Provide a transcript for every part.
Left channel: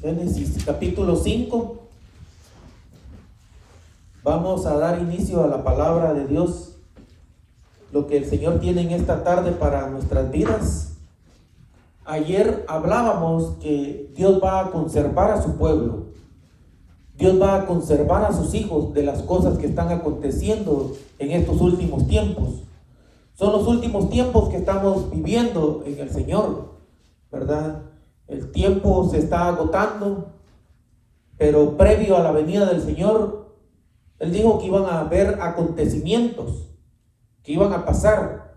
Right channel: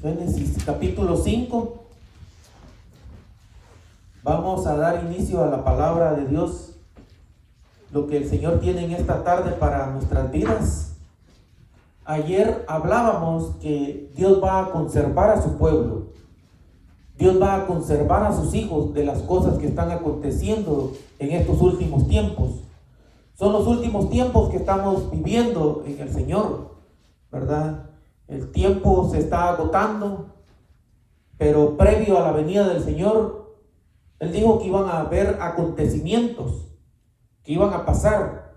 Génesis capítulo 5. Vamos a dar inicio a la palabra de Dios, lo que el Señor tiene en esta tarde para nuestras vidas. Ayer hablábamos que Dios va a conservar a su pueblo. Dios va a conservar a sus hijos de las cosas que están aconteciendo en estos últimos tiempos. Son los últimos tiempos que estamos viviendo en el Señor, ¿verdad? El tiempo se está agotando, pero previo a la venida del Señor, Él dijo que iban a haber acontecimientos, que iban a pasar,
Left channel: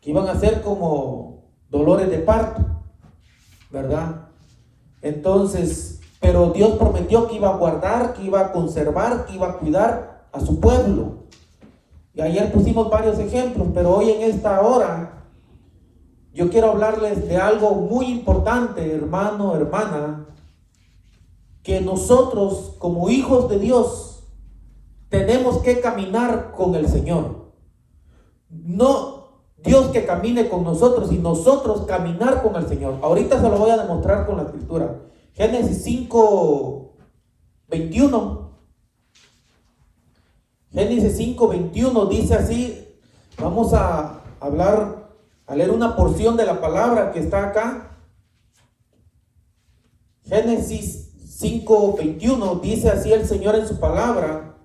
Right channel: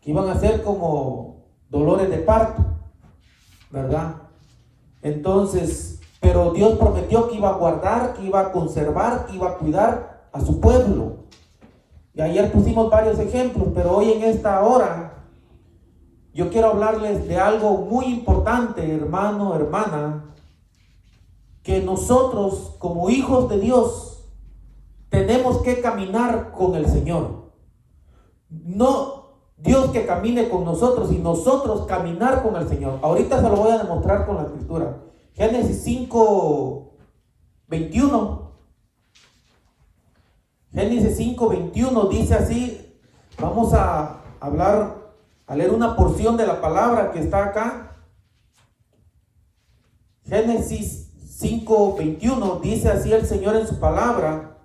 que iban a ser como dolores de parto, ¿verdad? Entonces, pero Dios prometió que iba a guardar, que iba a conservar, que iba a cuidar a su pueblo. Y ayer pusimos varios ejemplos, pero hoy en esta hora yo quiero hablarles de algo muy importante, hermano, hermana, que nosotros como hijos de Dios tenemos que caminar con el Señor. No Dios que camine con nosotros, y nosotros caminar con el Señor. Ahorita se lo voy a demostrar con la escritura. Génesis 5:21. Génesis 5:21 dice así. Vamos a leer una porción de la palabra que está acá. Génesis 5:21 dice así el Señor en su palabra:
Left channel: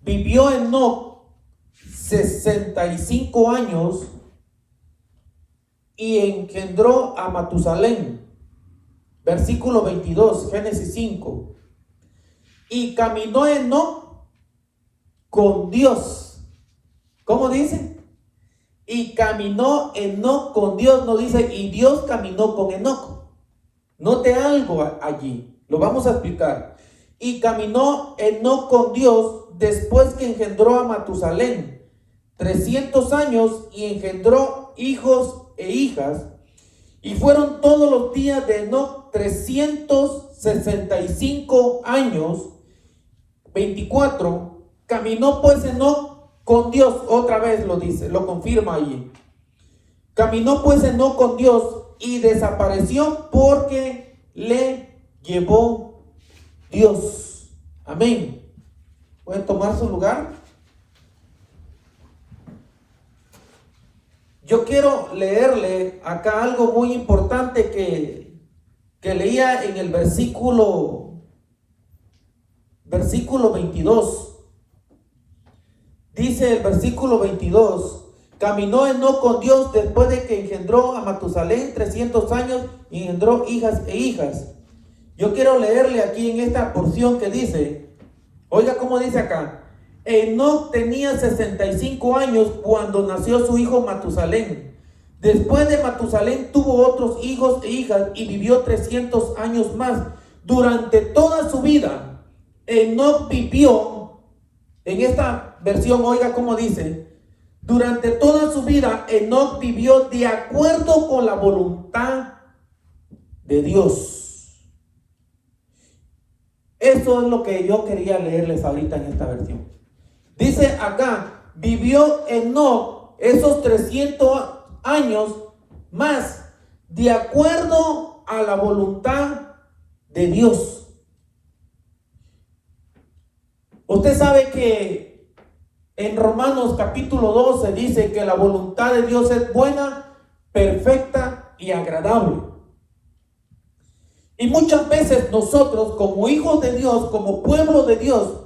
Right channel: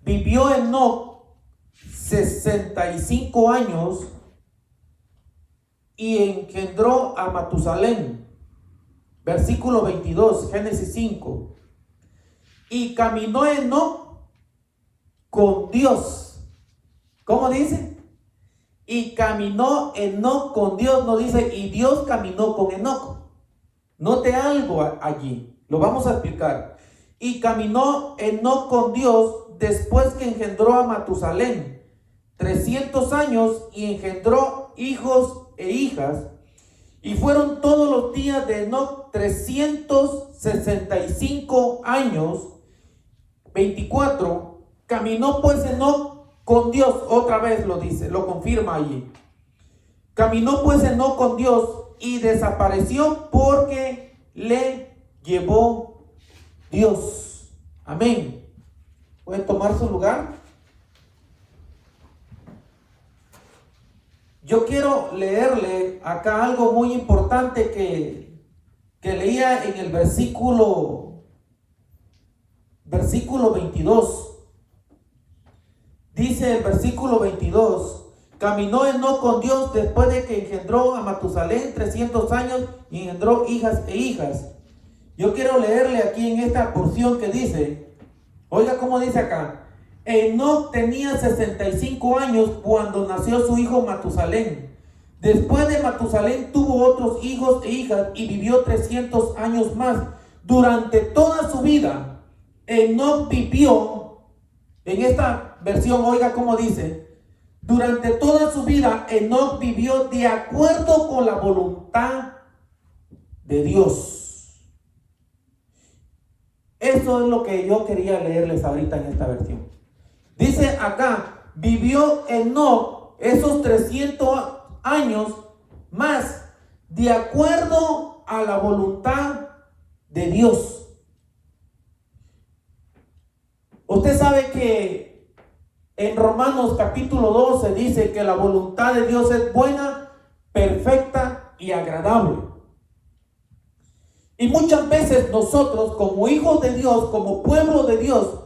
vivió Enoc 65 años y engendró a Matusalén. Versículo 22, Génesis 5. Y caminó Enoc con Dios. ¿Cómo dice? Y caminó Enoc con Dios. No dice y Dios caminó con Enoc. Note algo allí, lo vamos a explicar. Y caminó Enoc con Dios después que engendró a Matusalén 300 años, y engendró hijos e hijas. Y fueron todos los días de Enoc 365 años. 24. Caminó pues Enoc con Dios. Otra vez lo dice, lo confirma allí. Caminó pues Enoc con Dios y desapareció porque le llevó Dios. Amén. ¿Pueden tomar su lugar? Yo quiero leerle acá algo muy importante que leía en el versículo 22. Dice el versículo 22: caminó Enoc con Dios después de que engendró a Matusalén 300 años y engendró hijas e hijas. Yo quiero leerle aquí en esta porción que dice, oiga cómo dice acá: Enoc tenía 65 años cuando nació su hijo Matusalén. Después de Matusalén tuvo otros hijos e hijas y vivió 300 años más. Durante toda su vida, Enoc vivió, en esta versión, oiga cómo dice, durante toda su vida, Enoc vivió de acuerdo con la voluntad de Dios. Eso es lo que yo quería leerles ahorita en esta versión. Dice acá, vivió Enoc esos 300 años más de acuerdo a la voluntad de Dios. Usted sabe que en Romanos capítulo 12 dice que la voluntad de Dios es buena, perfecta y agradable. Y muchas veces nosotros como hijos de Dios, como pueblo de Dios,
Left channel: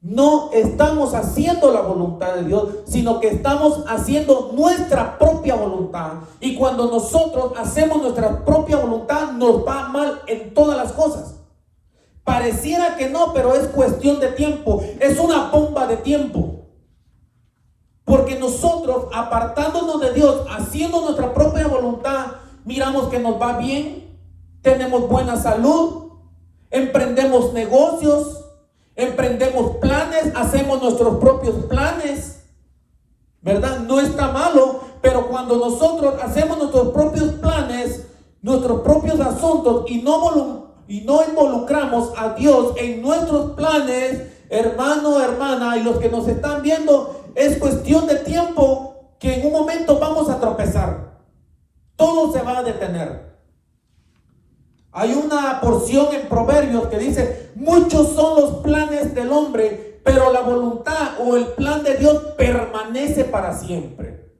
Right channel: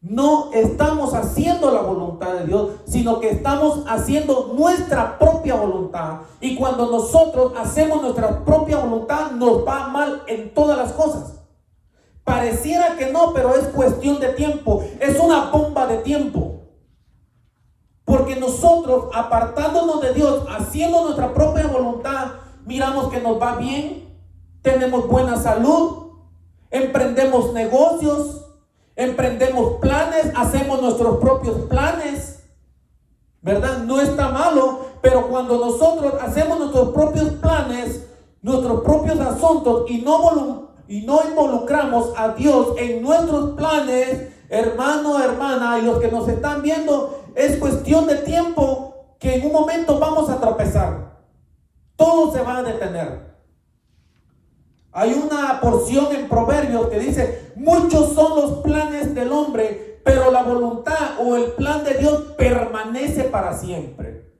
no estamos haciendo la voluntad de Dios, sino que estamos haciendo nuestra propia voluntad. Y cuando nosotros hacemos nuestra propia voluntad, nos va mal en todas las cosas. Pareciera que no, pero es cuestión de tiempo. Es una bomba de tiempo. Porque nosotros, apartándonos de Dios, haciendo nuestra propia voluntad, miramos que nos va bien, tenemos buena salud, emprendemos negocios, emprendemos planes, hacemos nuestros propios planes, ¿verdad? No está malo, pero cuando nosotros hacemos nuestros propios planes, nuestros propios asuntos, y no involucramos a Dios en nuestros planes, hermano, hermana, y los que nos están viendo, es cuestión de tiempo que en un momento vamos a tropezar. Todo se va a detener. Hay una porción en Proverbios que dice: muchos son los planes del hombre, pero la voluntad o el plan de Dios permanece para siempre.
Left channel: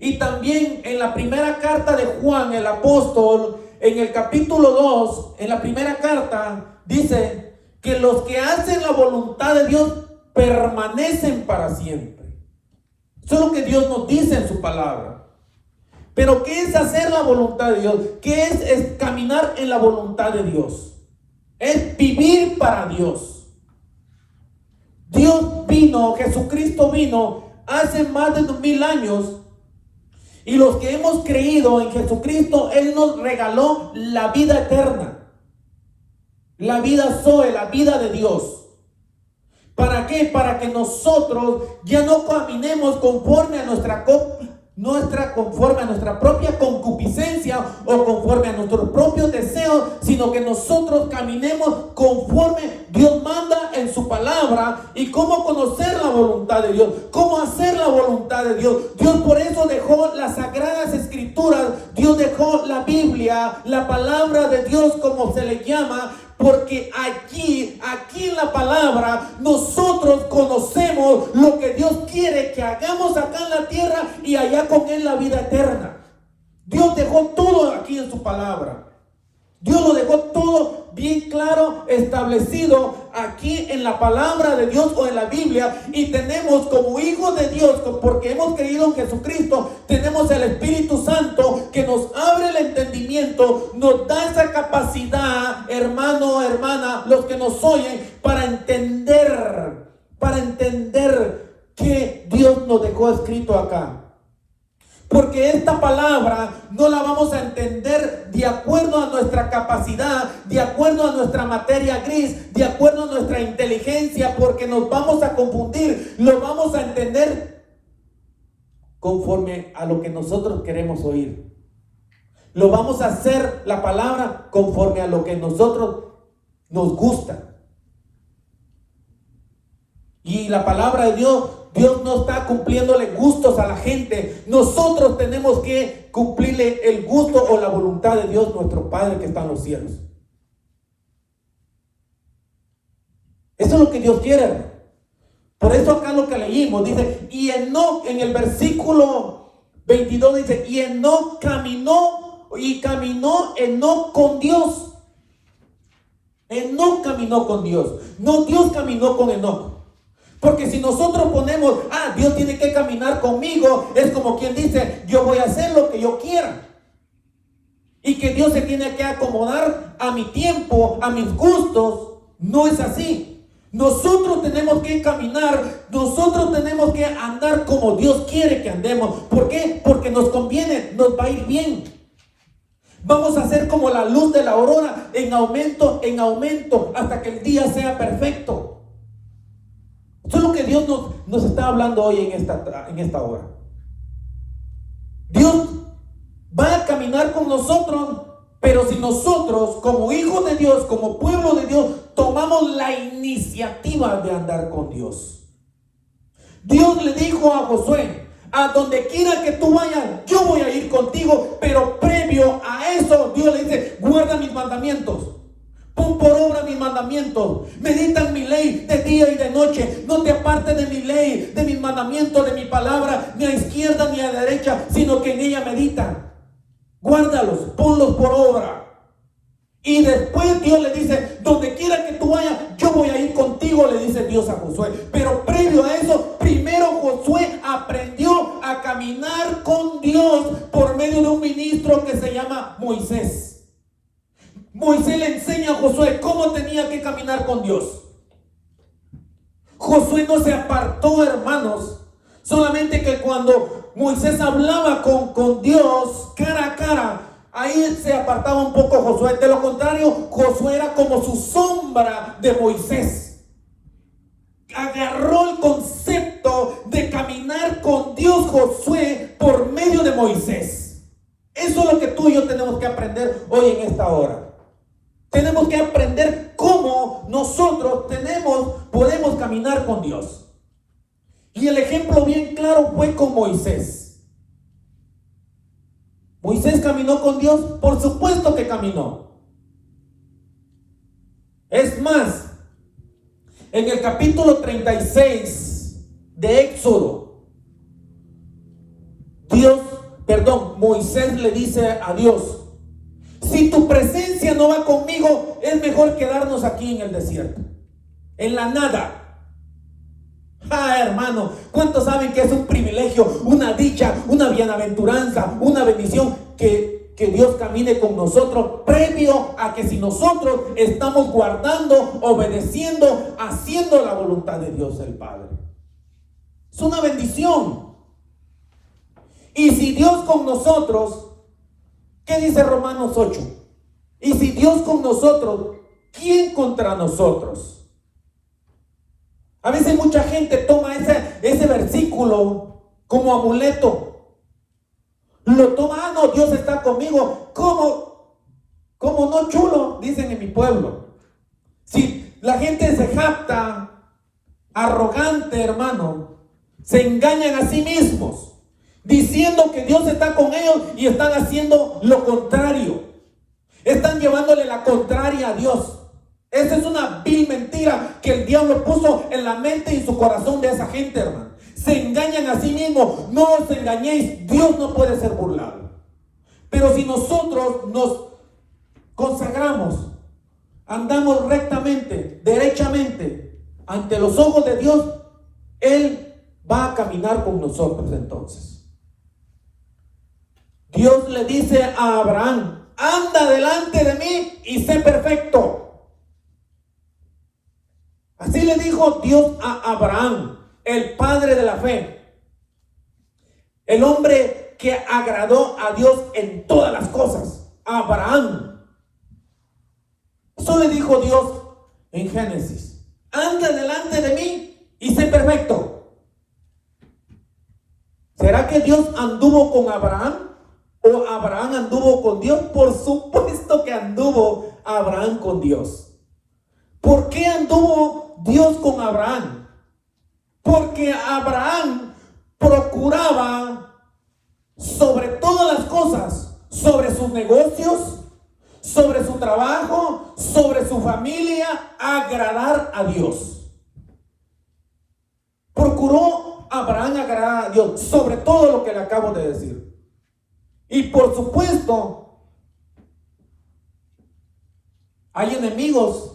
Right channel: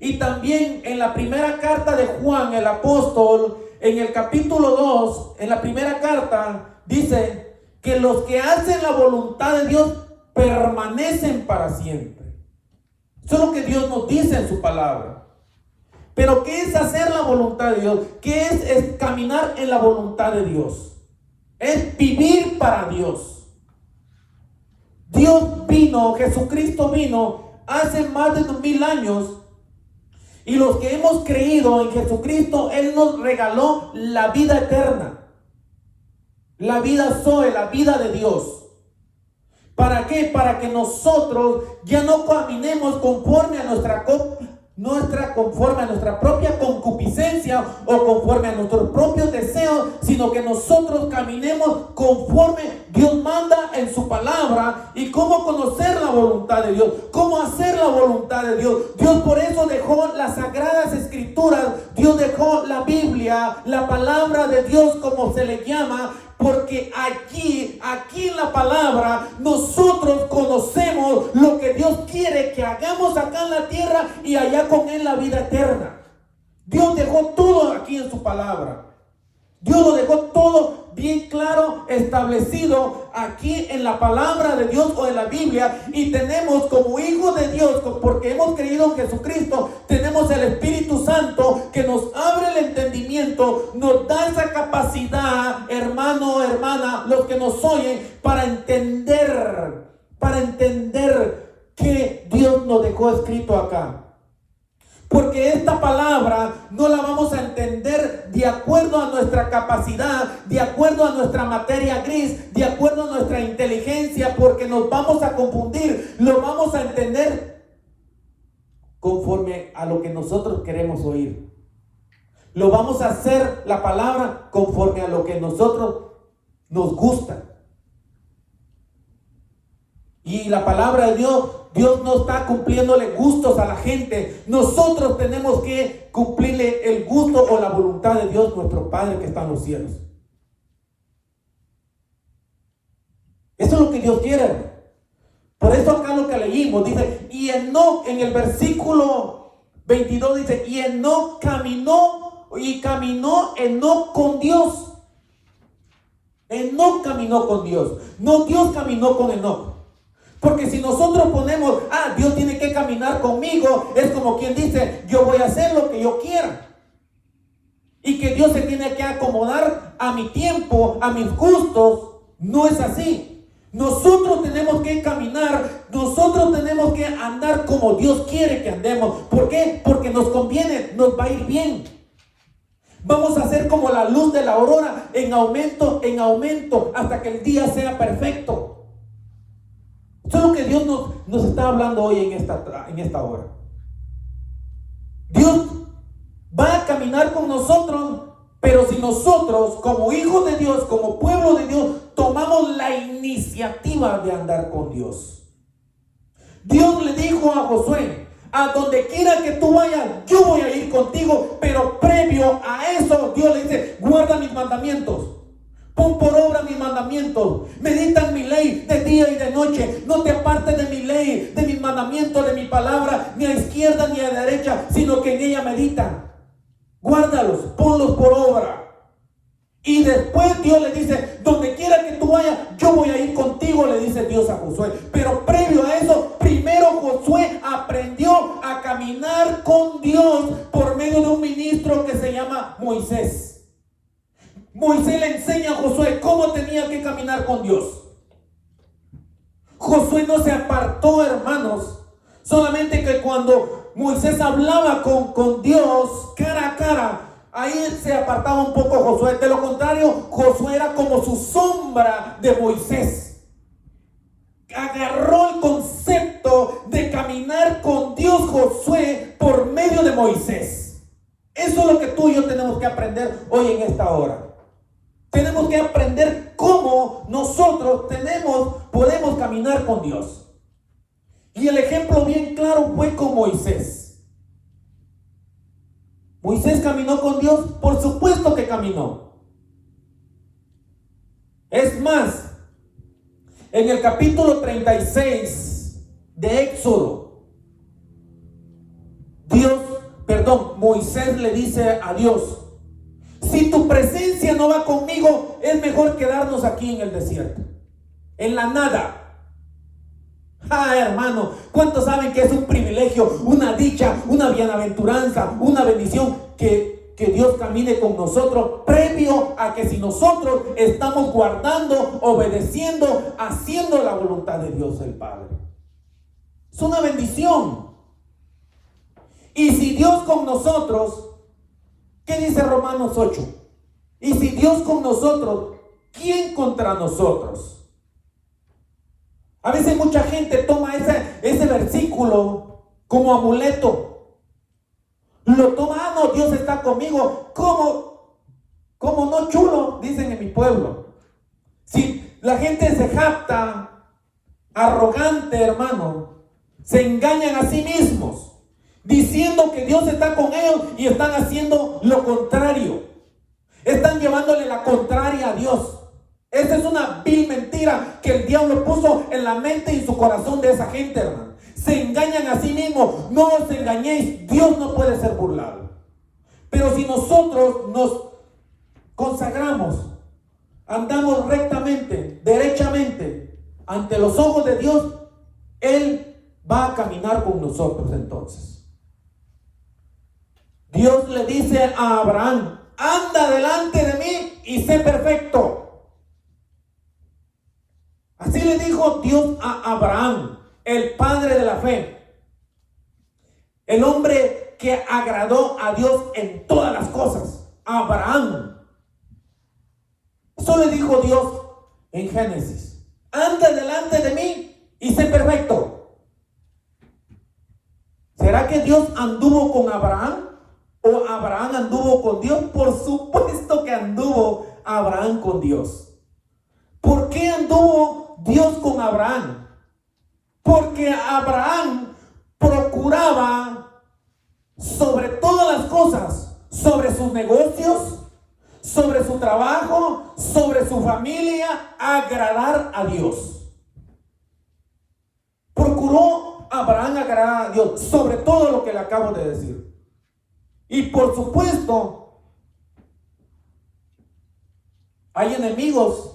Y también en la primera carta de Juan, el apóstol, en el capítulo 2, en la primera carta, dice que los que hacen la voluntad de Dios permanecen para siempre. Eso es lo que Dios nos dice en su palabra. Pero ¿qué es hacer la voluntad de Dios? ¿Qué es caminar en la voluntad de Dios? Es vivir para Dios. Dios vino, Jesucristo vino hace más de 2000 años. Y los que hemos creído en Jesucristo, Él nos regaló la vida eterna. La vida Zoe, la vida de Dios. ¿Para qué? Para que nosotros ya no caminemos conforme a nuestra propia concupiscencia o conforme a nuestros propios deseos, sino que nosotros caminemos conforme Dios manda en su palabra. Y cómo conocer la voluntad de Dios, cómo hacer la voluntad de Dios. Dios por eso dejó las sagradas escrituras, Dios dejó la Biblia, la palabra de Dios como se le llama, porque aquí en la palabra nosotros conocemos lo que Dios quiere que hagamos acá en la tierra y allá con Él la vida eterna. Dios dejó todo aquí en su palabra. Dios lo dejó todo bien claro, establecido aquí en la palabra de Dios o en la Biblia. Y tenemos como hijos de Dios, porque hemos creído en Jesucristo, tenemos el Espíritu Santo que nos abre el entendimiento, nos da esa capacidad, hermano, hermana, los que nos oyen, para entender que Dios nos dejó escrito acá. Porque esta palabra no la vamos a entender de acuerdo a nuestra capacidad, de acuerdo a nuestra materia gris, de acuerdo a nuestra inteligencia, porque nos vamos a confundir. Lo vamos a entender conforme a lo que nosotros queremos oír. Lo vamos a hacer la palabra conforme a lo que nosotros nos gusta. Y la palabra de Dios no está cumpliéndole gustos a la gente. Nosotros tenemos que cumplirle el gusto o la voluntad de Dios, nuestro Padre que está en los cielos. Eso es lo que Dios quiere. Por eso acá lo que leímos dice: y Enoc, en el versículo 22 dice: y Enoc caminó Enoc con Dios. Enoc caminó con Dios. No, Dios caminó con Enoc. Porque si nosotros ponemos, Dios tiene que caminar conmigo, es como quien dice: yo voy a hacer lo que yo quiera. Y que Dios se tiene que acomodar a mi tiempo, a mis gustos. No es así. Nosotros tenemos que caminar, nosotros tenemos que andar como Dios quiere que andemos. ¿Por qué? Porque nos conviene, nos va a ir bien. Vamos a ser como la luz de la aurora, en aumento, hasta que el día sea perfecto. Eso es lo que Dios nos está hablando hoy en esta hora. Dios va a caminar con nosotros, pero si nosotros, como hijos de Dios, como pueblo de Dios, tomamos la iniciativa de andar con Dios. Dios le dijo a Josué: a donde quiera que tú vayas, yo voy a ir contigo, pero previo a eso, Dios le dice: guarda mis mandamientos. Pon por obra mis mandamientos. Medita en mi ley de día y de noche. No te apartes de mi ley, de mis mandamientos, de mi palabra, ni a izquierda ni a derecha, sino que en ella medita. Guárdalos, ponlos por obra. Y después Dios le dice: donde quiera que tú vayas, yo voy a ir contigo, le dice Dios a Josué. Pero previo a eso, primero Josué aprendió a caminar con Dios por medio de un ministro que se llama Moisés. Moisés le enseña a Josué cómo tenía que caminar con Dios. Josué no se apartó, hermanos, solamente que cuando Moisés hablaba con Dios cara a cara, ahí se apartaba un poco Josué. De lo contrario, Josué era como su sombra de Moisés. Agarró el concepto de caminar con Dios Josué por medio de Moisés. Eso es lo que tú y yo tenemos que aprender hoy en esta hora. Tenemos que aprender cómo nosotros podemos caminar con Dios. Y el ejemplo bien claro fue con Moisés. Moisés caminó con Dios, por supuesto que caminó. Es más, en el capítulo 36 de Éxodo, Moisés le dice a Dios: si tu presencia no va conmigo, es mejor quedarnos aquí en el desierto, en la nada. Hermano, ¿cuántos saben que es un privilegio, una dicha, una bienaventuranza, una bendición que Dios camine con nosotros, previo a que si nosotros estamos guardando, obedeciendo, haciendo la voluntad de Dios el Padre? Es una bendición. Y si Dios con nosotros, ¿qué dice Romanos 8? Y si Dios con nosotros, ¿quién contra nosotros? A veces mucha gente toma ese versículo como amuleto. Lo toma: no, Dios está conmigo. ¿Cómo no, chulo? Dicen en mi pueblo. Si la gente se jacta, arrogante, hermano, se engañan a sí mismos, diciendo que Dios está con ellos y están haciendo lo contrario. Están llevándole la contraria a Dios. Esa es una vil mentira que el diablo puso en la mente y su corazón de esa gente, hermano. Se engañan a sí mismos. No os engañéis, Dios no puede ser burlado. Pero si nosotros nos consagramos, andamos rectamente, derechamente ante los ojos de Dios, Él va a caminar con nosotros. Entonces Dios le dice a Abraham: anda delante de mí y sé perfecto. Así le dijo Dios a Abraham, el padre de la fe, el hombre que agradó a Dios en todas las cosas. Abraham. Eso le dijo Dios en Génesis: anda delante de mí y sé perfecto. ¿Será que Dios anduvo con Abraham o Abraham anduvo con Dios? Por supuesto que anduvo Abraham con Dios. ¿Por qué anduvo Dios con Abraham? Porque Abraham procuraba sobre todas las cosas, sobre sus negocios, sobre su trabajo, sobre su familia, agradar a Dios. Procuró Abraham agradar a Dios sobre todo lo que le acabo de decir. Y por supuesto, hay enemigos.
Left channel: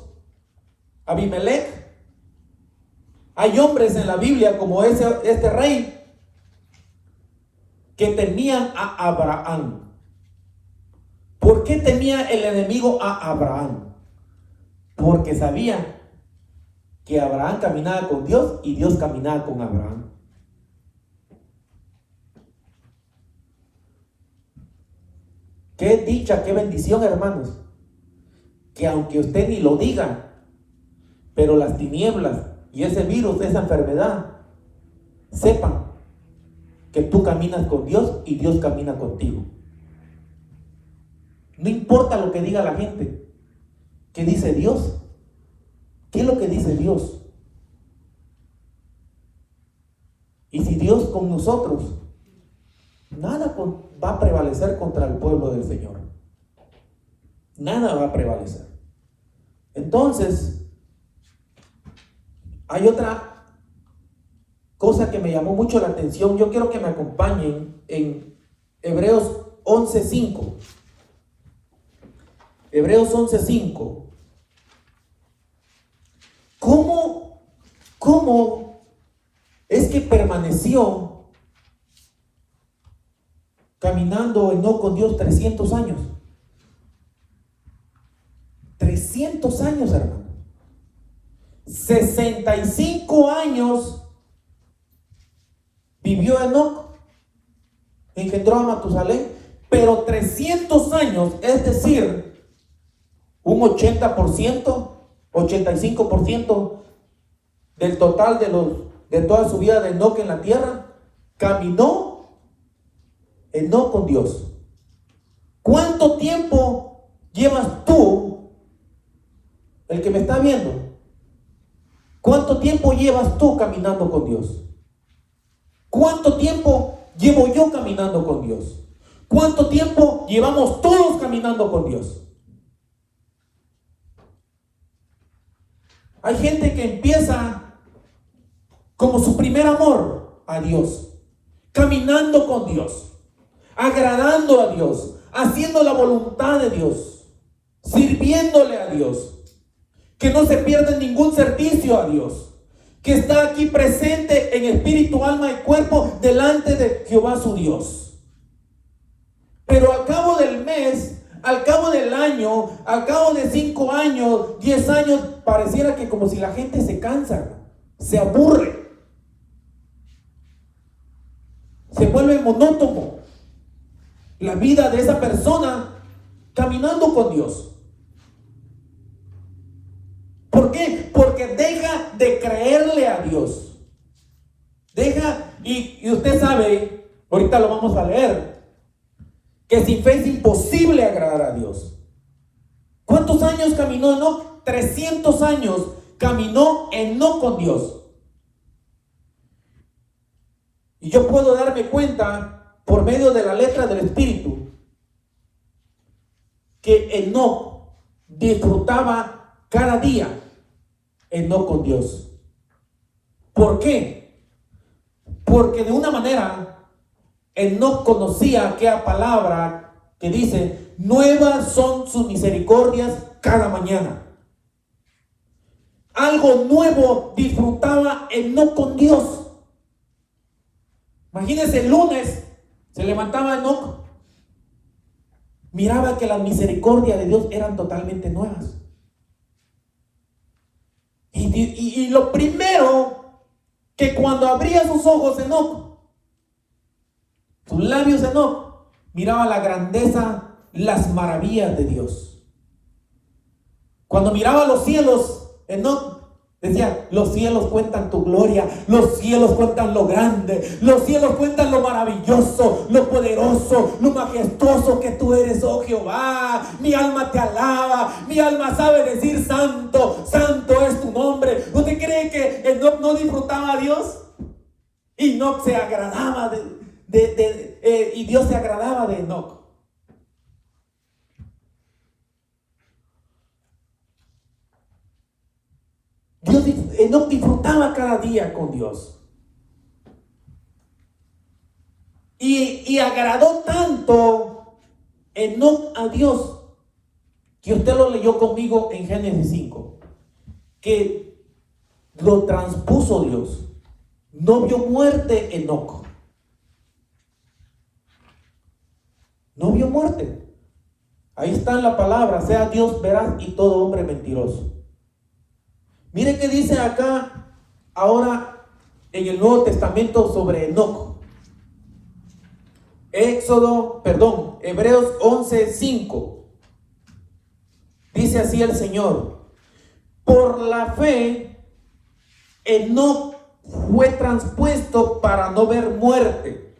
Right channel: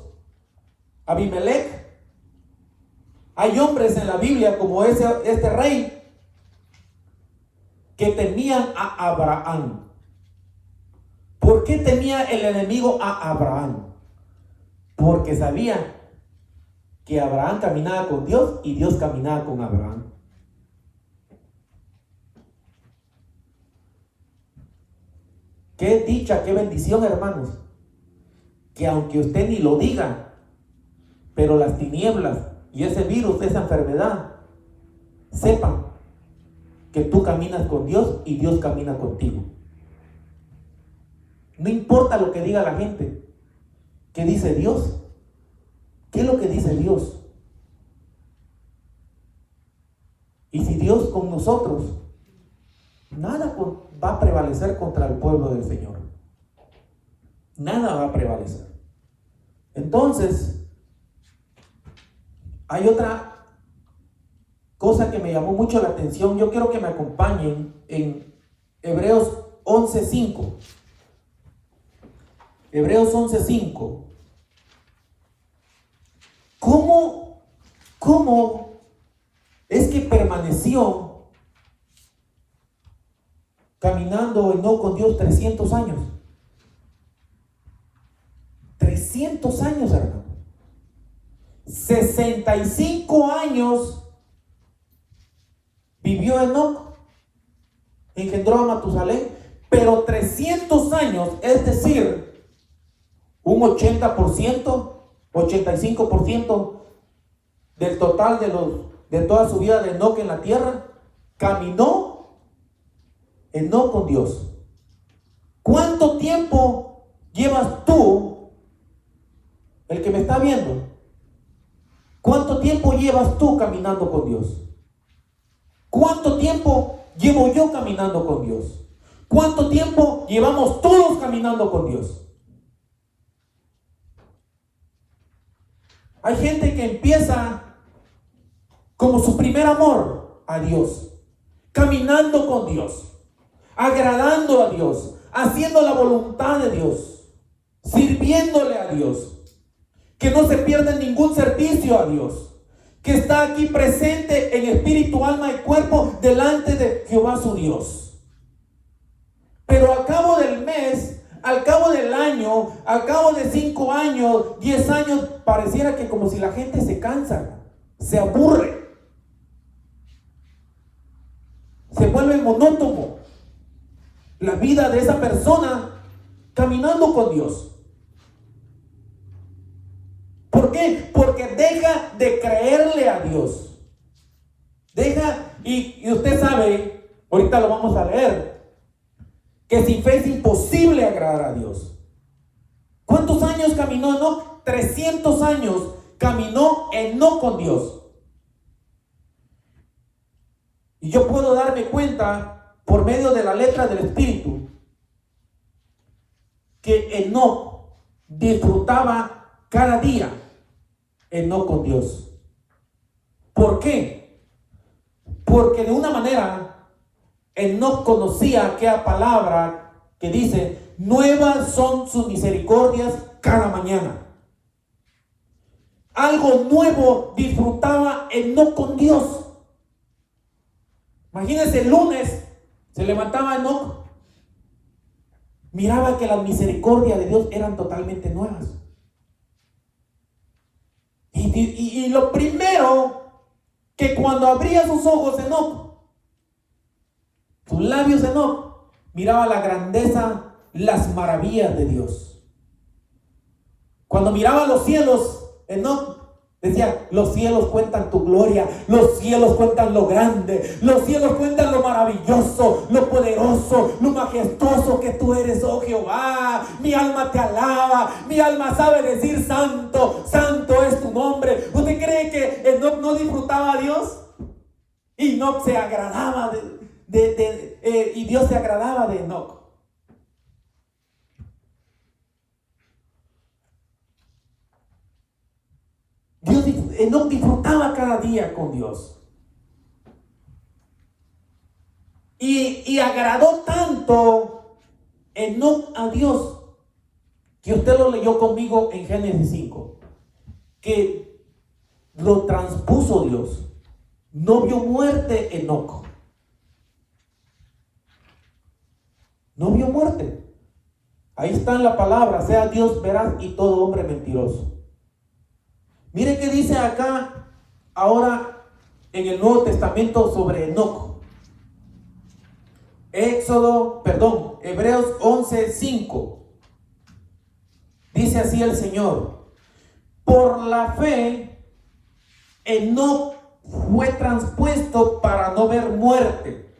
Abimelech. Hay hombres en la Biblia como este rey que temían a Abraham. ¿Por qué temía el enemigo a Abraham? Porque sabía que Abraham caminaba con Dios y Dios caminaba con Abraham. Qué dicha, qué bendición, hermanos, que aunque usted ni lo diga, pero las tinieblas y ese virus, esa enfermedad, sepan que tú caminas con Dios y Dios camina contigo. No importa lo que diga la gente. ¿Qué dice Dios? ¿Qué es lo que dice Dios? Y si Dios con nosotros, nada va a prevalecer contra el pueblo del Señor. Nada va a prevalecer. Entonces, hay otra cosa que me llamó mucho la atención. Yo quiero que me acompañen en Hebreos 11:5. Hebreos 11:5. ¿Cómo es que permaneció caminando no con Dios 300 años? 300 años, hermano. 65 años vivió Enoc, engendró a Matusalén, pero 300 años, es decir, un 80%, 85% del total de toda su vida de Enoc en la tierra, caminó Enoc con Dios. ¿Cuánto tiempo llevas tú, el que me está viendo? ¿Cuánto tiempo llevas tú caminando con Dios? ¿Cuánto tiempo llevo yo caminando con Dios? ¿Cuánto tiempo llevamos todos caminando con Dios? Hay gente que empieza como su primer amor a Dios, caminando con Dios, agradando a Dios, haciendo la voluntad de Dios, sirviéndole a Dios, que no se pierda ningún servicio a Dios, que está aquí presente en espíritu, alma y cuerpo delante de Jehová su Dios. Pero al cabo del mes, al cabo del año, al cabo de 5 años, 10 años, pareciera que como si la gente se cansa, se aburre, se vuelve monótono la vida de esa persona caminando con Dios. ¿Por qué? Porque deja de creerle a Dios. Y usted sabe, ahorita lo vamos a leer, que sin fe es imposible agradar a Dios. ¿Cuántos años caminó Enoc? 300 años caminó Enoc con Dios. Y yo puedo darme cuenta por medio de la letra del Espíritu que Enoc disfrutaba cada día Enoc con Dios. ¿Por qué? Porque de una manera Enoc conocía aquella palabra que dice: nuevas son sus misericordias cada mañana. Algo nuevo disfrutaba Enoc con Dios. Imagínense, el lunes se levantaba Enoc, miraba que las misericordias de Dios eran totalmente nuevas. Y lo primero que cuando abría sus ojos Enoc, sus labios Enoc, miraba la grandeza, las maravillas de Dios. Cuando miraba los cielos, Enoc decía: los cielos cuentan tu gloria, los cielos cuentan lo grande, los cielos cuentan lo maravilloso, lo poderoso, lo majestuoso que tú eres, oh Jehová. Mi alma te alaba, mi alma sabe decir: santo, santo es tu nombre. ¿Usted cree que Enoc no disfrutaba a Dios? Y Enoc se agradaba y Dios se agradaba de Enoc. Enoc disfrutaba cada día con Dios. Y agradó tanto Enoc a Dios, que usted lo leyó conmigo en Génesis 5, que lo transpuso Dios. No vio muerte Enoc. No vio muerte. Ahí está en la palabra: sea Dios veraz y todo hombre mentiroso. Mire qué dice acá ahora en el Nuevo Testamento sobre Enoc. Hebreos 11:5. Dice así el Señor: por la fe Enoc fue transpuesto para no ver muerte,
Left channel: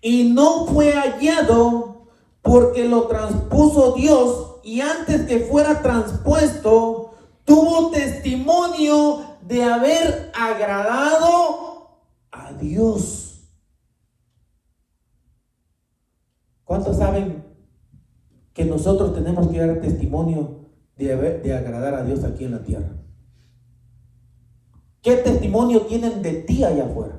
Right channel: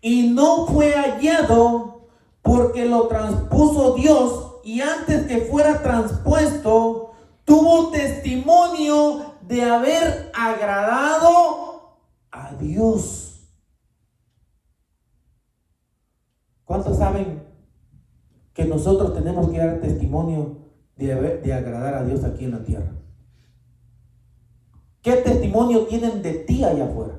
y no fue hallado porque lo transpuso Dios, y antes que fuera transpuesto tuvo testimonio de haber agradado a Dios. ¿Cuántos saben que nosotros tenemos que dar testimonio de agradar a Dios aquí en la tierra? ¿Qué testimonio tienen de ti allá afuera?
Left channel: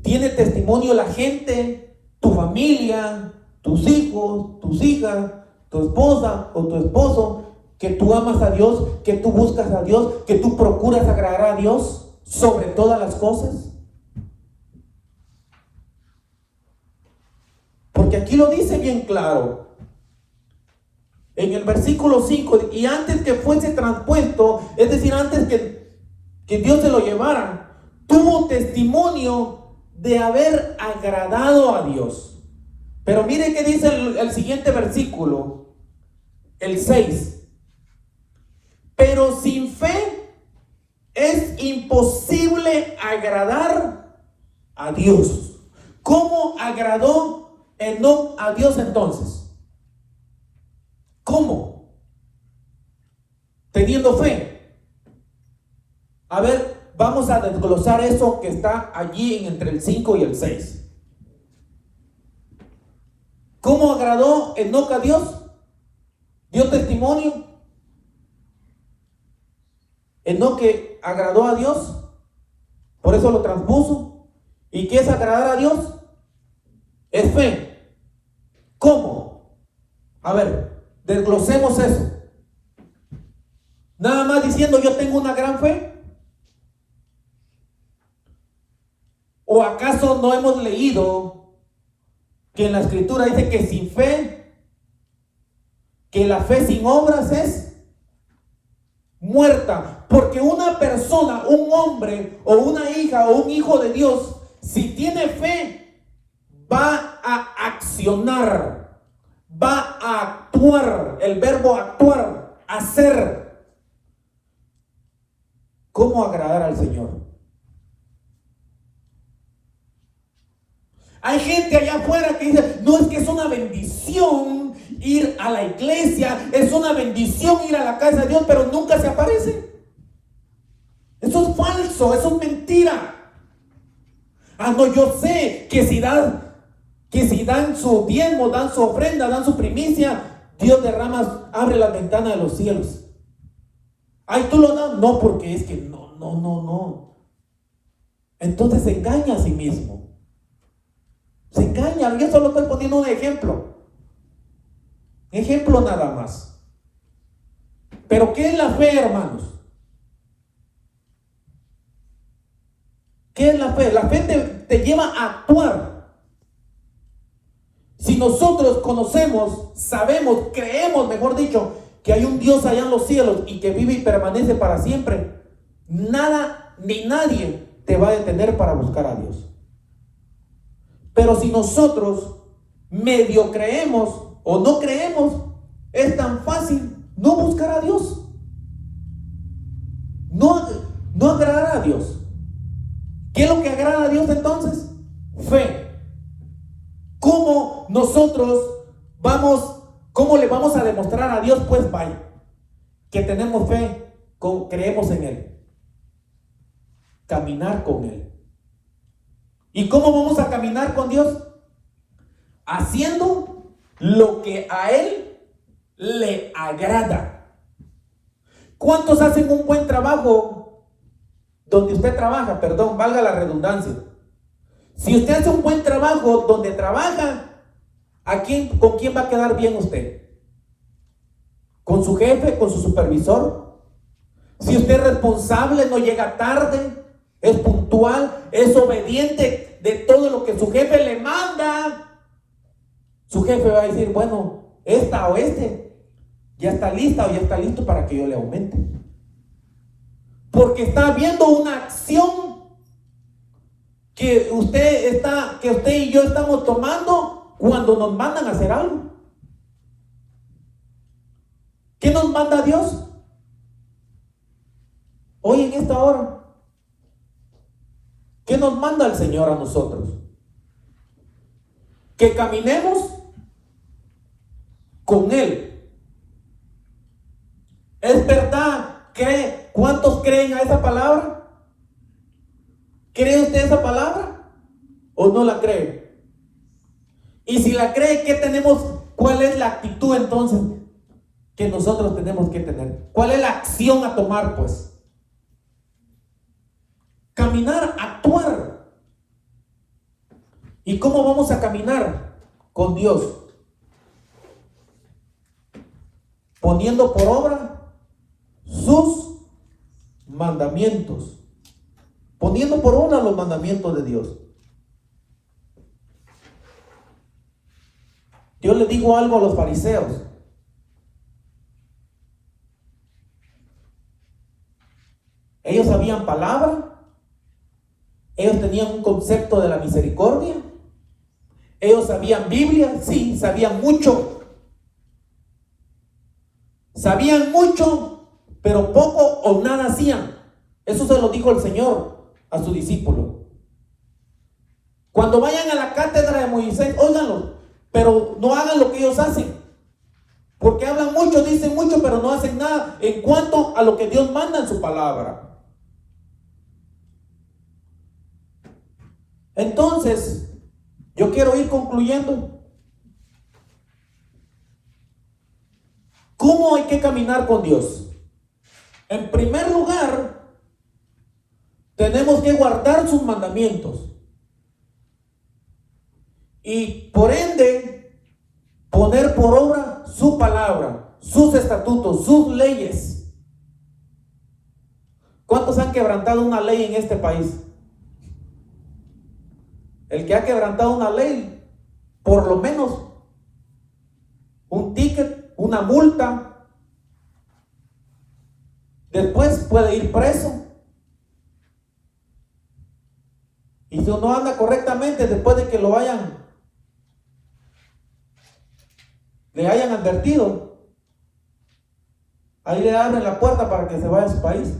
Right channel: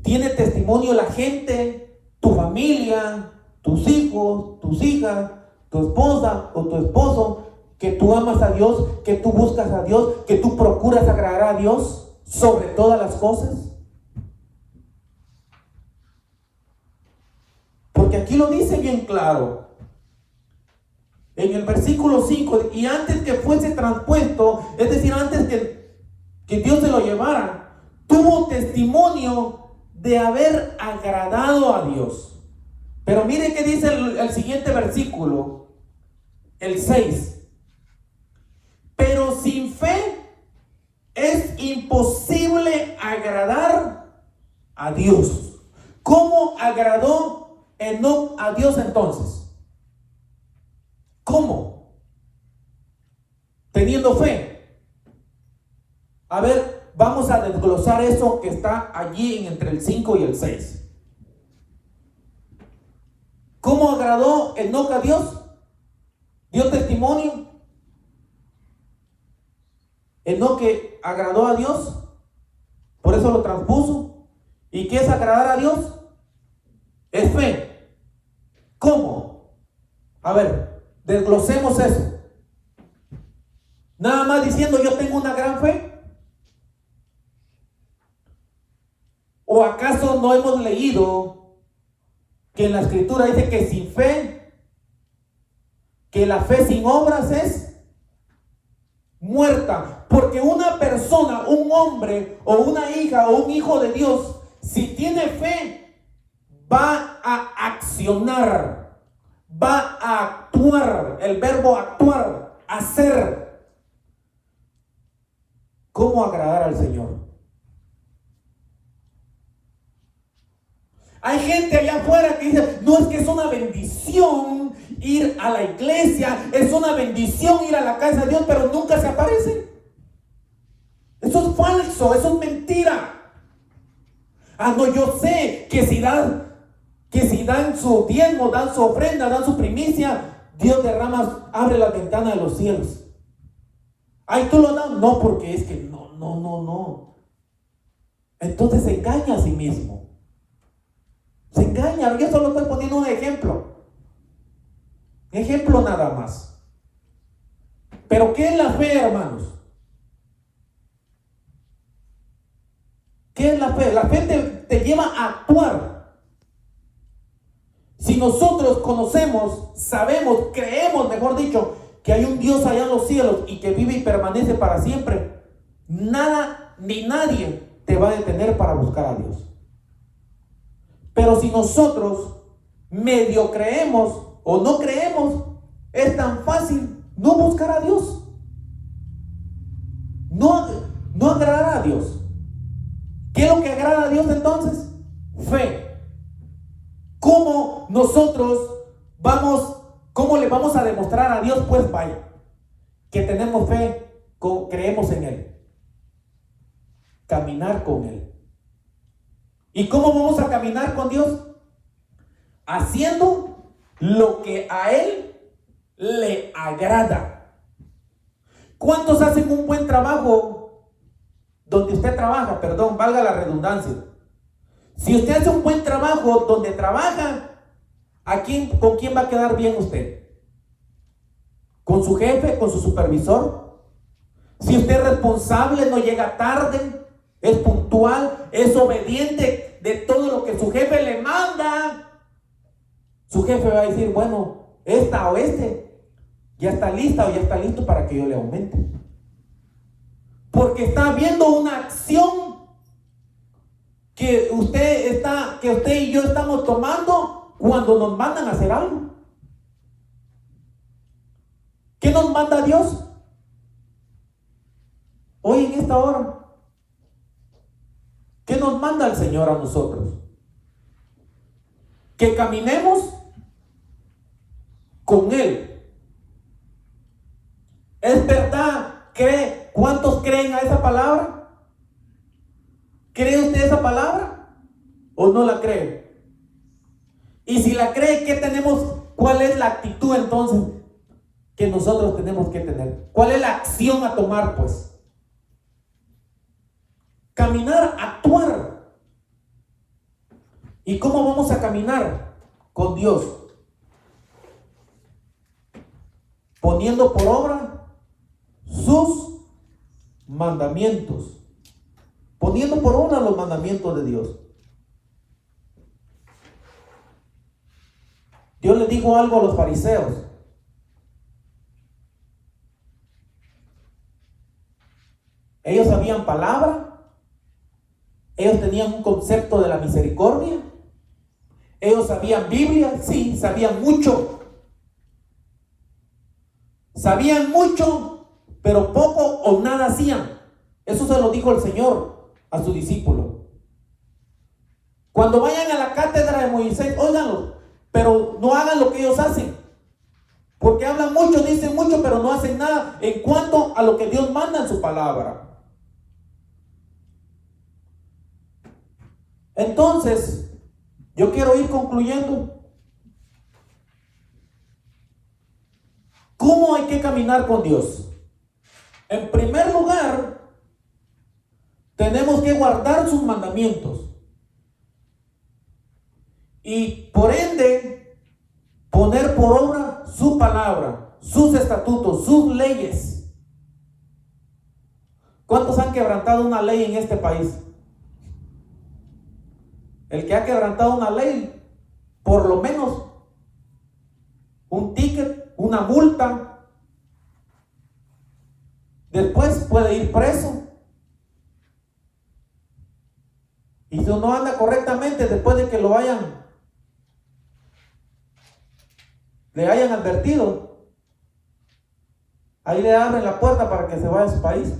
¿Tiene testimonio la gente, tu familia, tus hijos, tus hijas, tu esposa o tu esposo, que tú amas a Dios, que tú buscas a Dios, que tú procuras agradar a Dios sobre todas las cosas? Porque aquí lo dice bien claro en el versículo 5: y antes que fuese transpuesto, es decir, antes que Dios se lo llevara, tuvo testimonio de haber agradado a Dios. Pero mire qué dice el siguiente versículo, el 6: pero sin fe es imposible agradar a Dios. ¿Cómo agradó Enoc a Dios entonces? ¿Cómo? Teniendo fe. A ver, vamos a desglosar eso que está allí entre el 5 y el 6. ¿Cómo agradó Enoc a Dios? ¿Dio testimonio? Enoque agradó a Dios, por eso lo transpuso. ¿Y qué es agradar a Dios? Es fe. ¿Cómo? A ver, desglosemos eso. Nada más diciendo yo tengo una gran fe. ¿O acaso no hemos leído que en la escritura dice que sin fe, que la fe sin obras es muerta? Porque una persona, un hombre o una hija o un hijo de Dios, si tiene fe, va a accionar, va a actuar, el verbo actuar, hacer. ¿Cómo agradar al Señor? Hay gente allá afuera que dice, no, es que es una bendición ir a la iglesia, es una bendición ir a la casa de Dios, pero nunca se aparece. Eso es falso, eso es mentira. No, yo sé que si dan su diezmo, dan su ofrenda, dan su primicia, Dios abre las ventanas de los cielos. Ay, tú lo das. No, porque es que no. Entonces se engaña a sí mismo. Se engaña. Yo solo estoy poniendo un ejemplo. Ejemplo nada más. Pero ¿qué es la fe, hermanos? ¿Qué es la fe? La fe te lleva a actuar. Si nosotros conocemos, sabemos, creemos, mejor dicho, que hay un Dios allá en los cielos y que vive y permanece para siempre, nada ni nadie te va a detener para buscar a Dios. Pero si nosotros medio creemos o no creemos, es tan fácil no buscar a Dios, no agradar a Dios. ¿Qué es lo que agrada a Dios entonces? Fe. ¿Cómo cómo le vamos a demostrar a Dios? Pues vaya, que tenemos fe, creemos en Él, caminar con Él. ¿Y cómo vamos a caminar con Dios? Haciendo lo que a Él le agrada. ¿Cuántos hacen un buen trabajo donde usted trabaja? Perdón, valga la redundancia. Si usted hace un buen trabajo donde trabaja, ¿con quién va a quedar bien usted? ¿Con su jefe? ¿Con su supervisor? Si usted es responsable, no llega tarde, es puntual, es obediente de todo lo que su jefe le manda, su jefe va a decir, bueno, esta o ya está lista o ya está listo para que yo le aumente. Porque está viendo una acción que usted y yo estamos tomando cuando nos mandan a hacer algo. ¿Qué nos manda Dios? Hoy en esta hora, ¿qué nos manda el Señor a nosotros? Que caminemos con Él. ¿Es verdad? ¿Cuántos creen a esa palabra? ¿Cree usted esa palabra? ¿O no la cree? Y si la cree, ¿cuál es la actitud entonces que nosotros tenemos que tener? ¿Cuál es la acción a tomar, pues? Caminar, actuar. ¿Y cómo vamos a caminar con Dios? Poniendo por obra sus mandamientos. Poniendo por obra los mandamientos de Dios. Dios le dijo algo a los fariseos. Ellos sabían palabra. Ellos tenían un concepto de la misericordia. Ellos sabían Biblia. Sí, sabían mucho. Sabían mucho, pero poco o nada hacían. Eso se lo dijo el Señor a su discípulo. Cuando vayan a la cátedra de Moisés, óiganlo, pero no hagan lo que ellos hacen. Porque hablan mucho, dicen mucho, pero no hacen nada en cuanto a lo que Dios manda en su palabra. Entonces, yo quiero ir concluyendo. ¿Cómo hay que caminar con Dios? En primer lugar, tenemos que guardar sus mandamientos. Y por ende, poner por obra su palabra, sus estatutos, sus leyes. ¿Cuántos han quebrantado una ley en este país? El que ha quebrantado una ley, por lo menos un ticket, una multa, después puede ir preso. Y si no anda correctamente, después de que le hayan advertido, ahí le abren la puerta para que se vaya a su país.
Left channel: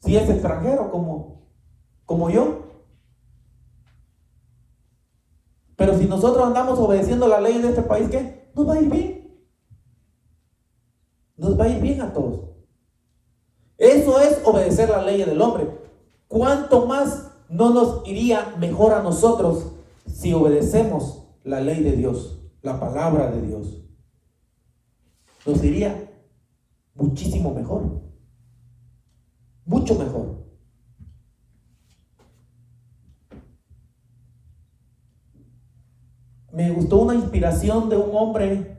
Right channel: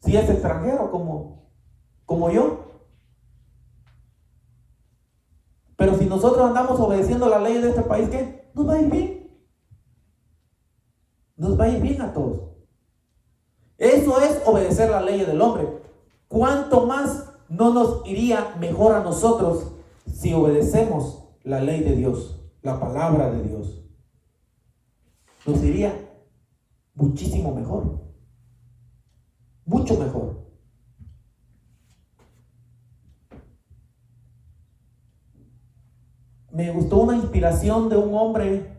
Si es extranjero como yo. Pero si nosotros andamos obedeciendo la ley de este país, ¿qué? Nos va a ir bien. Nos va a ir bien a todos. Eso es obedecer la ley del hombre. ¿Cuánto más no nos iría mejor a nosotros si obedecemos la ley de Dios, la palabra de Dios? Nos iría muchísimo mejor. Mucho mejor. Me gustó una inspiración de un hombre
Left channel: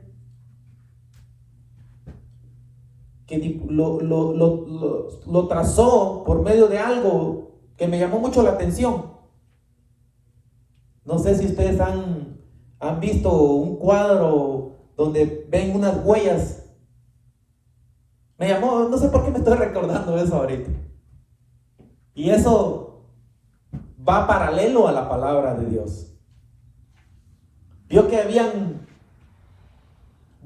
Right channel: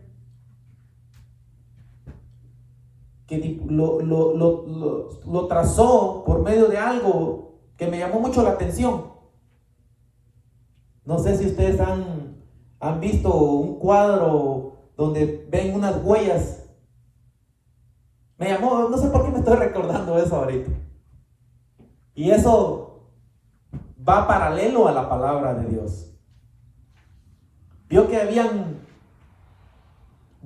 que lo trazó por medio de algo que me llamó mucho la atención. No sé si ustedes han visto un cuadro donde ven unas huellas. Me llamó, no sé por qué me estoy recordando eso ahorita. Y eso va paralelo a la palabra de Dios. Vio que habían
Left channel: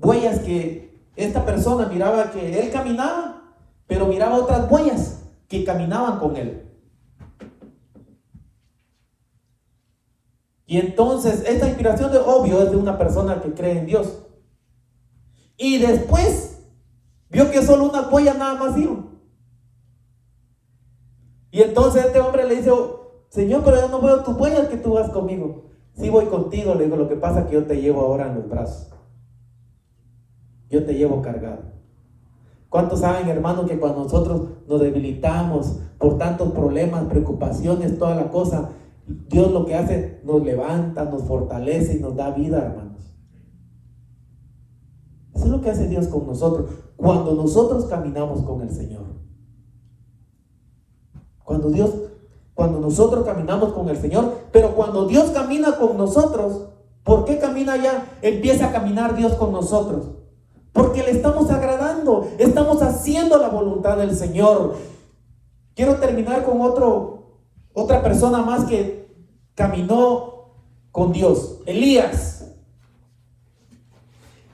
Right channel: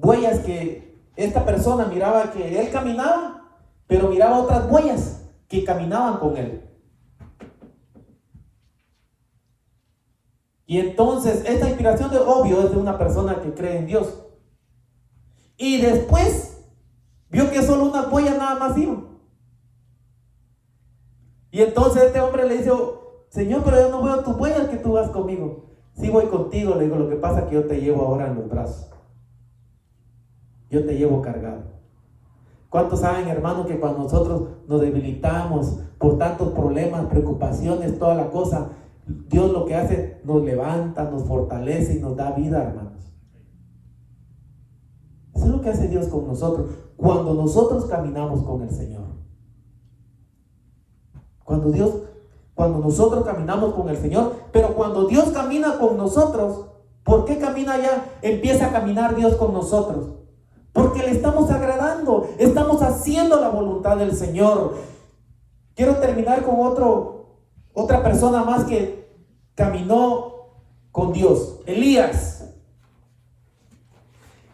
huellas que esta persona miraba que él caminaba, pero miraba otras huellas que caminaban con él. Y entonces esta inspiración, de obvio, es de una persona que cree en Dios. Y después vio que solo unas huellas nada más iban. Y entonces este hombre le dice: Señor, pero yo no veo tus huellas que tú vas conmigo. Sí, voy contigo, le digo, lo que pasa es que yo te llevo ahora en los brazos. Yo te llevo cargado. ¿Cuántos saben, hermanos, que cuando nosotros nos debilitamos por tantos problemas, preocupaciones, toda la cosa, Dios lo que hace, nos levanta, nos fortalece y nos da vida, hermanos? Eso es lo que hace Dios con nosotros cuando nosotros caminamos con el Señor. Cuando nosotros caminamos con el Señor, pero cuando Dios camina con nosotros, ¿por qué camina ya? Empieza a caminar Dios con nosotros. Porque le estamos agradando, estamos haciendo la voluntad del Señor. Quiero terminar con otra persona más que caminó con Dios. Elías.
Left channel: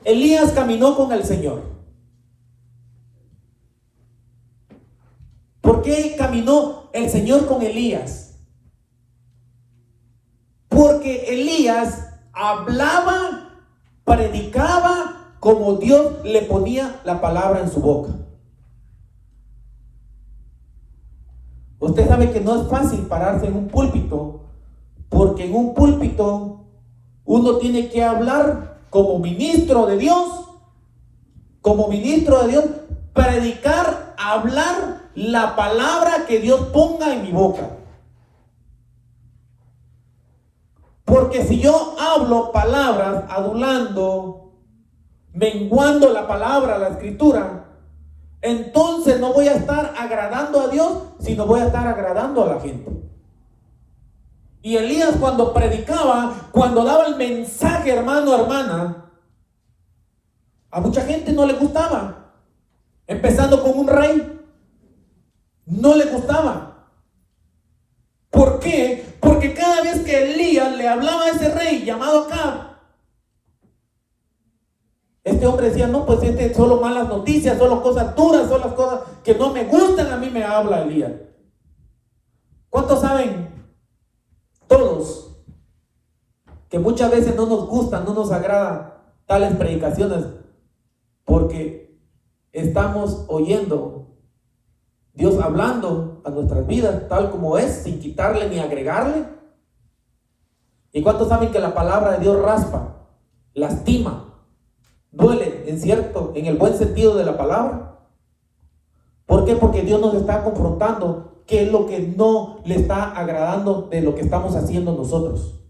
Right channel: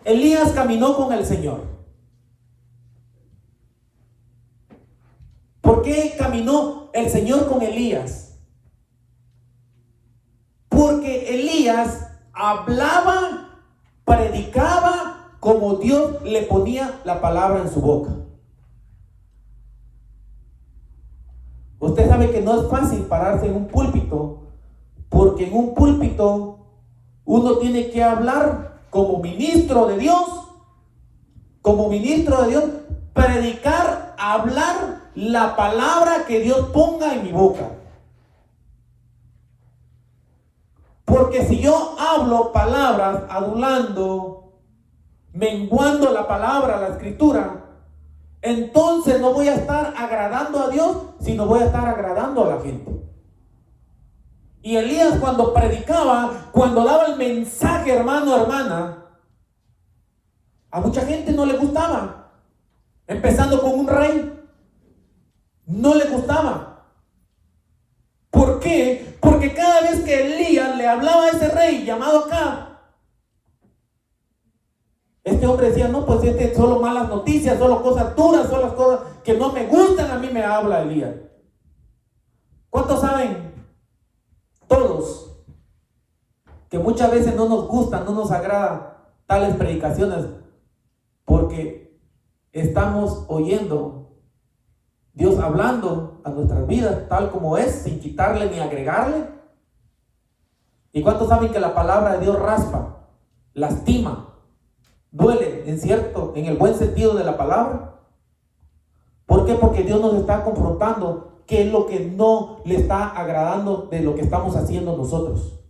Elías caminó con el Señor. ¿Por qué caminó el Señor con Elías? Porque Elías hablaba, predicaba como Dios le ponía la palabra en su boca. Usted sabe que no es fácil pararse en un púlpito, porque en un púlpito uno tiene que hablar como ministro de Dios, predicar, hablar la palabra que Dios ponga en mi boca. Porque si yo hablo palabras adulando, menguando la palabra, la escritura, entonces no voy a estar agradando a Dios, sino voy a estar agradando a la gente. Y Elías, cuando predicaba, cuando daba el mensaje, hermano, hermana, a mucha gente no le gustaba. Empezando con un rey, no le gustaba. ¿Por qué? Porque cada vez que Elías le hablaba a ese rey llamado Acab, este hombre decía: no, pues solo malas noticias, solo cosas duras, solo las cosas que no me gustan, a mí me habla Elías. ¿Cuántos saben? Todos, que muchas veces no nos gustan, no nos agradan tales predicaciones, porque estamos oyendo Dios hablando a nuestras vidas tal como es, sin quitarle ni agregarle. ¿Y cuántos saben que la palabra de Dios raspa, lastima, duele, en el buen sentido de la palabra? ¿Por qué? Porque Dios nos está confrontando qué es lo que no le está agradando de lo que estamos haciendo nosotros.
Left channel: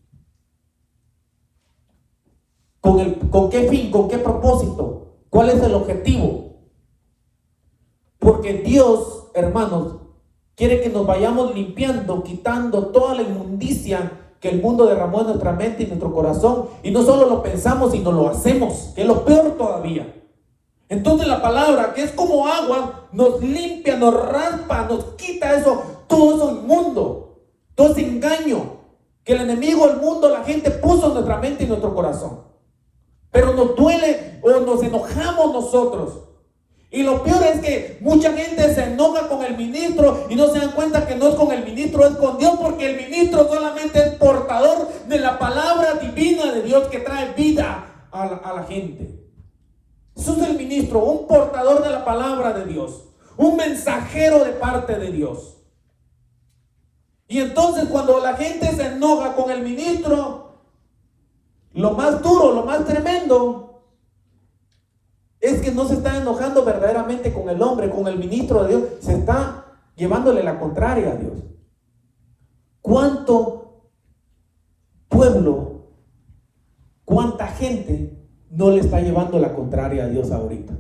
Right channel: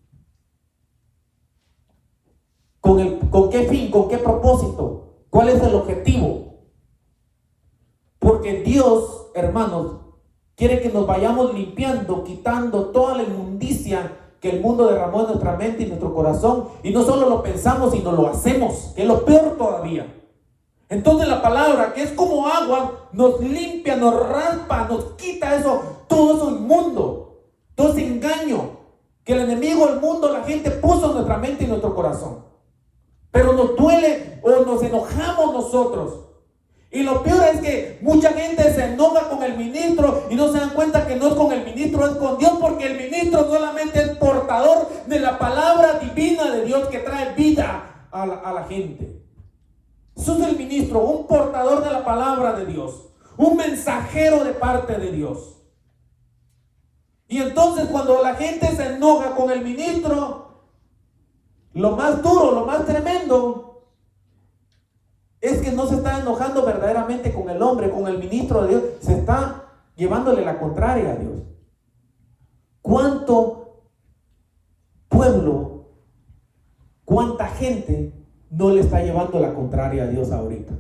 ¿Con qué fin? ¿Con qué propósito? ¿Cuál es el objetivo? Porque Dios, hermanos, quiere que nos vayamos limpiando, quitando toda la inmundicia que el mundo derramó en nuestra mente y nuestro corazón. Y no solo lo pensamos, sino lo hacemos, que es lo peor todavía. Entonces la palabra, que es como agua, nos limpia, nos raspa, nos quita eso, todo eso inmundo, todo ese engaño que el enemigo, el mundo, la gente puso en nuestra mente y nuestro corazón. Pero nos duele o nos enojamos nosotros. Y lo peor es que mucha gente se enoja con el ministro y no se dan cuenta que no es con el ministro, es con Dios, porque el ministro solamente es portador de la palabra divina de Dios que trae vida a la gente. Eso es el ministro, un portador de la palabra de Dios, un mensajero de parte de Dios. Y entonces cuando la gente se enoja con el ministro, lo más duro, lo más tremendo es que no se está enojando verdaderamente con el hombre, con el ministro de Dios, se está llevándole la contraria a Dios. ¿Cuánto pueblo, cuánta gente no le está llevando la contraria a Dios ahorita?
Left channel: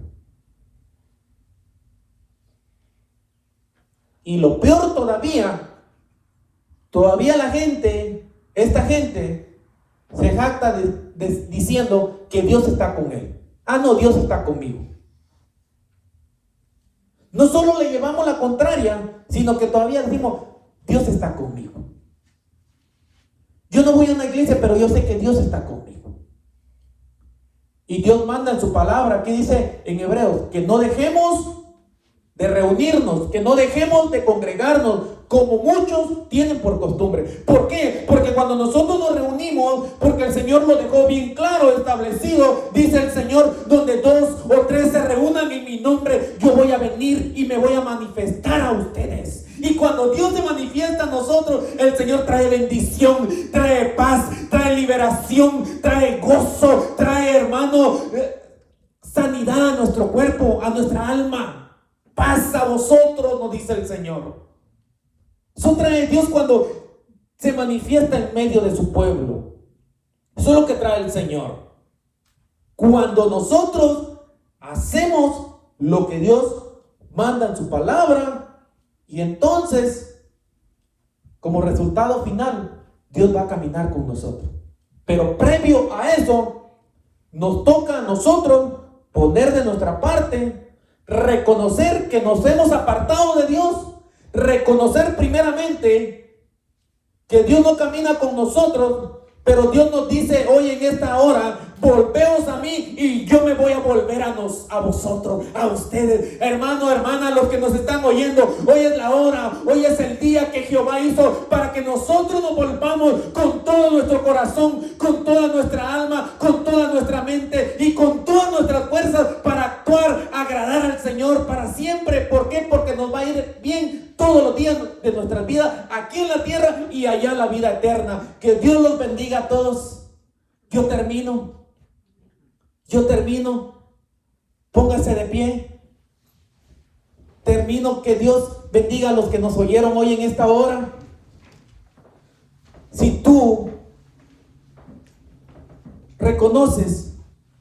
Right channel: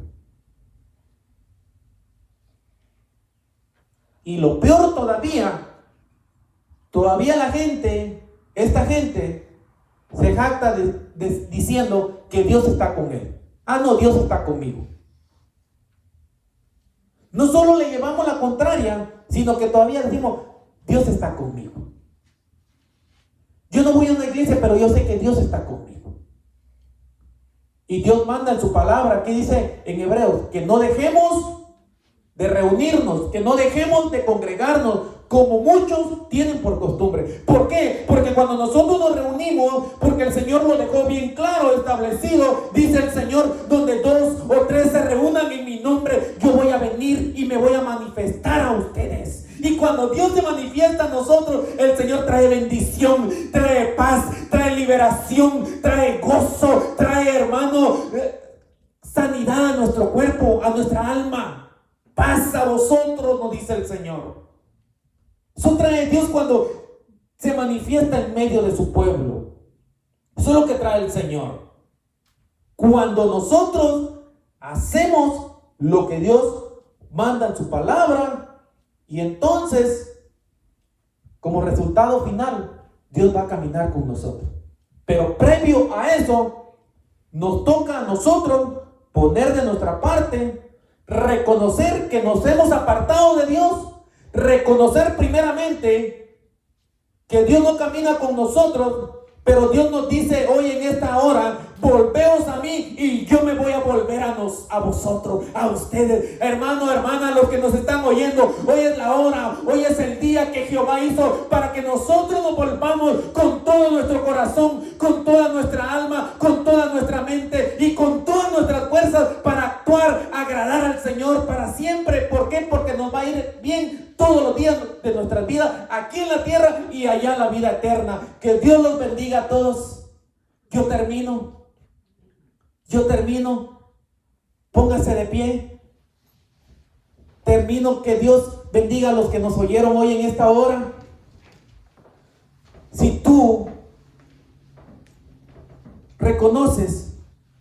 Y lo peor todavía la gente, esta gente se jacta diciendo que Dios está con él. Ah, no, Dios está conmigo. No solo le llevamos la contraria, sino que todavía decimos, Dios está conmigo. Yo no voy a una iglesia, pero yo sé que Dios está conmigo. Y Dios manda en su palabra, aquí dice en Hebreos, que no dejemos de reunirnos, que no dejemos de congregarnos, como muchos tienen por costumbre. ¿Por qué? Porque cuando nosotros nos reunimos, porque el Señor lo dejó bien claro, establecido, dice el Señor, donde 2 o 3 se reúnan en mi nombre, yo voy a venir y me voy a manifestar a ustedes. Y cuando Dios se manifiesta a nosotros, el Señor trae bendición, trae paz, trae liberación, trae gozo, trae, hermano, sanidad a nuestro cuerpo, a nuestra alma. Paz a vosotros, nos dice el Señor. Eso trae Dios cuando se manifiesta en medio de su pueblo. Eso es lo que trae el Señor. Cuando nosotros hacemos lo que Dios manda en su palabra, y entonces, como resultado final, Dios va a caminar con nosotros. Pero previo a eso, nos toca a nosotros poner de nuestra parte, reconocer que nos hemos apartado de Dios, reconocer primeramente que Dios no camina con nosotros, pero Dios nos dice hoy en esta hora, volveos a mí y yo me voy a volver a vosotros, a ustedes, hermano, hermana, los que nos están oyendo. Hoy es la hora, hoy es el día que Jehová hizo para que nosotros nos volvamos con todo nuestro corazón, con toda nuestra alma, con toda nuestra mente y con todas nuestras fuerzas para actuar, agradar al Señor para siempre. ¿Por qué? Porque nos va a ir bien todos los días de nuestras vidas, aquí en la tierra y allá en la vida eterna. Que Dios los bendiga a todos. Yo termino. Póngase de pie. Termino. Que Dios bendiga a los que nos oyeron hoy en esta hora. Si tú reconoces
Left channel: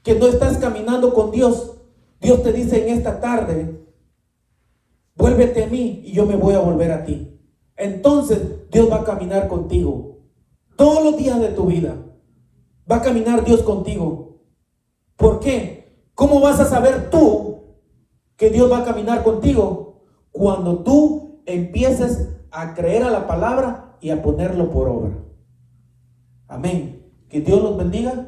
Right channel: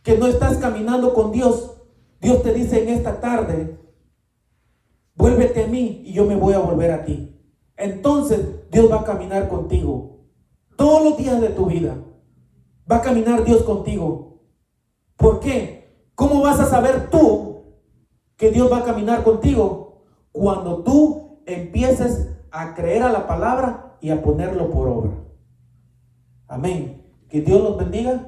que no estás caminando con Dios, Dios te dice en esta tarde, vuélvete a mí y yo me voy a volver a ti. Entonces Dios va a caminar contigo todos los días de tu vida. Va a caminar Dios contigo. ¿Por qué? ¿Cómo vas a saber tú que Dios va a caminar contigo? Cuando tú empieces a creer a la palabra y a ponerlo por obra. Amén. Que Dios los bendiga.